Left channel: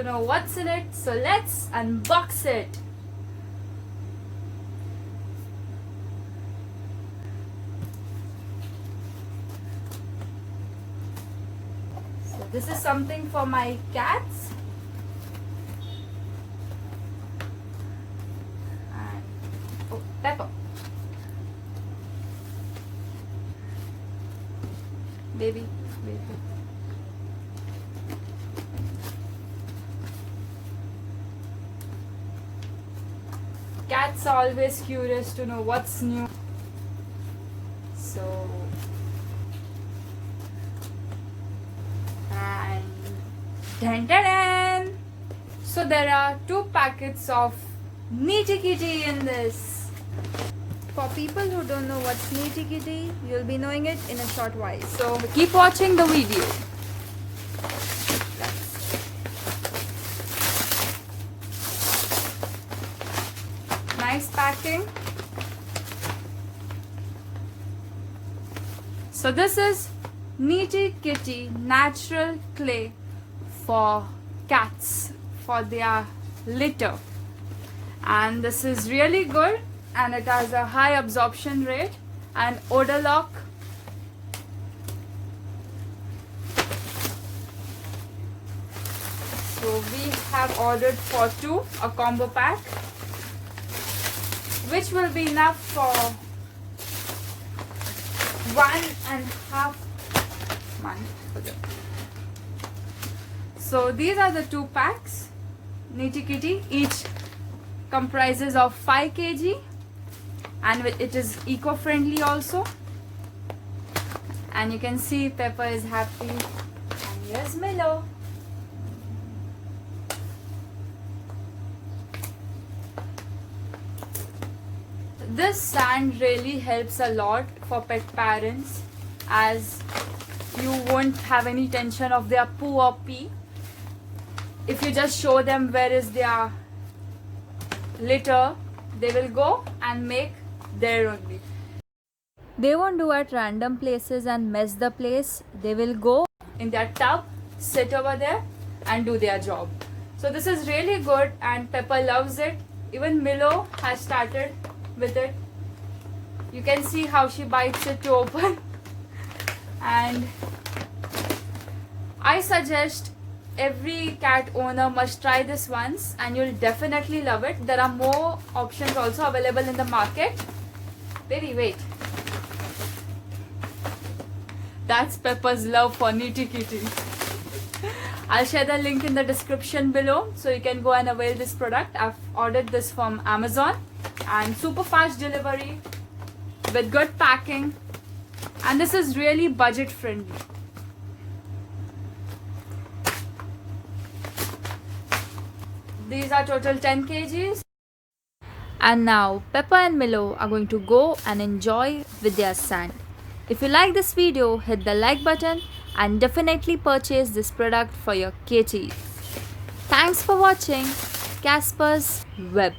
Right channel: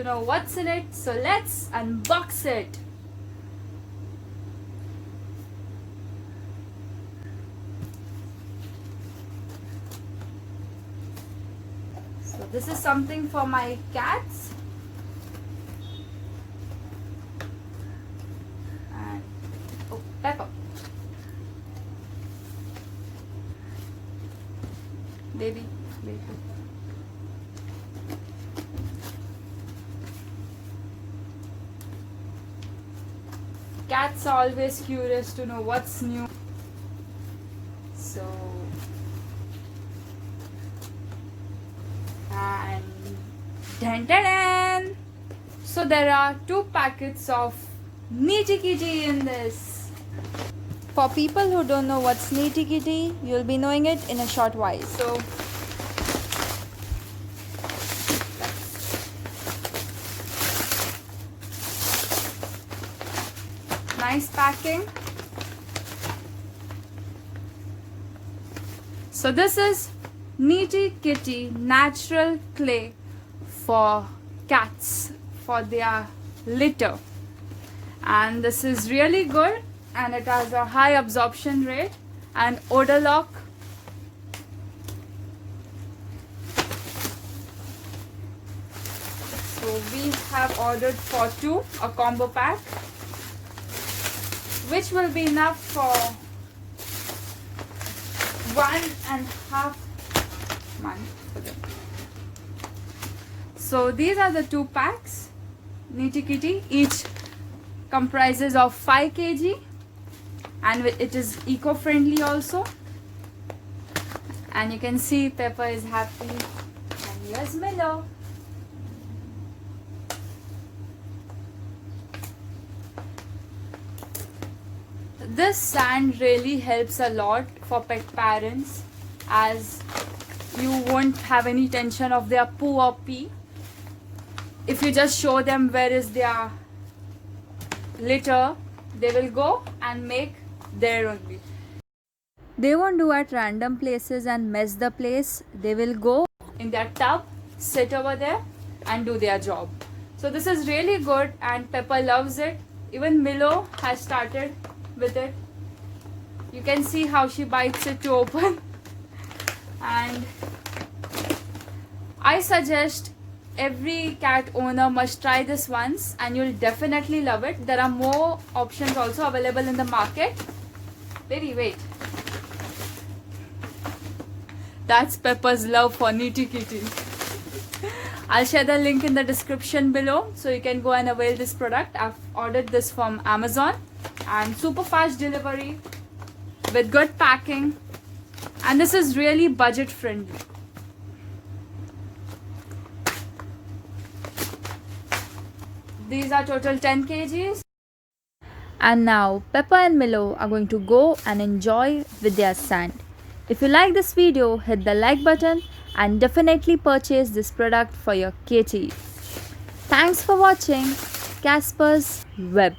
to know what's in it, so let's unbox it. So this is something for my cats. And oh, Pepper. Baby, wait. Cats are always curious to know what's new. So, and dun, dun, dun. So there are 2 packets of Nitty Kitty in this. For people who don't know what's Nitty Kitty, you'll be knowing it in a short while. So keep watching the video. Nice packing. So this is Nitty Kitty natural clay for cats for their litter, and this is really good, and it has a high absorption rate and odor lock. So we have ordered for 2, a combo pack, which will be enough for 1.5 months. Okay. So these are the 2 packs. Nitty Kitty, each comprises of 5 kg, and it is eco-friendly also. And you can see Pepper is happy, and here's Milo. This sand really helps a lot for pet parents, as you won't have any tension of their poo or pee. If you just show them where is their litter, they will go and make there only. They won't do at random places and mess the place. They will go in their tub, sit over there and do their job. So this is really good, and Pepper loves it. Even Milo has started with it. You can see how she bites it to open. And I suggest every cat owner must try this once, and you'll definitely love it. There are more options also available in the market. Baby, wait. That's Pepper's love for Nitty Kitty. I'll share the link in the description below, so you can go and avail this product. I've ordered this from Amazon, and super fast delivery with good packing, and this is really budget friendly. These are total 10 kgs. And now Pepper and Milo are going to go and enjoy with their sand. If you like this video, hit the like button and definitely purchase this product for your kitties. Thanks for watching Casper's Web.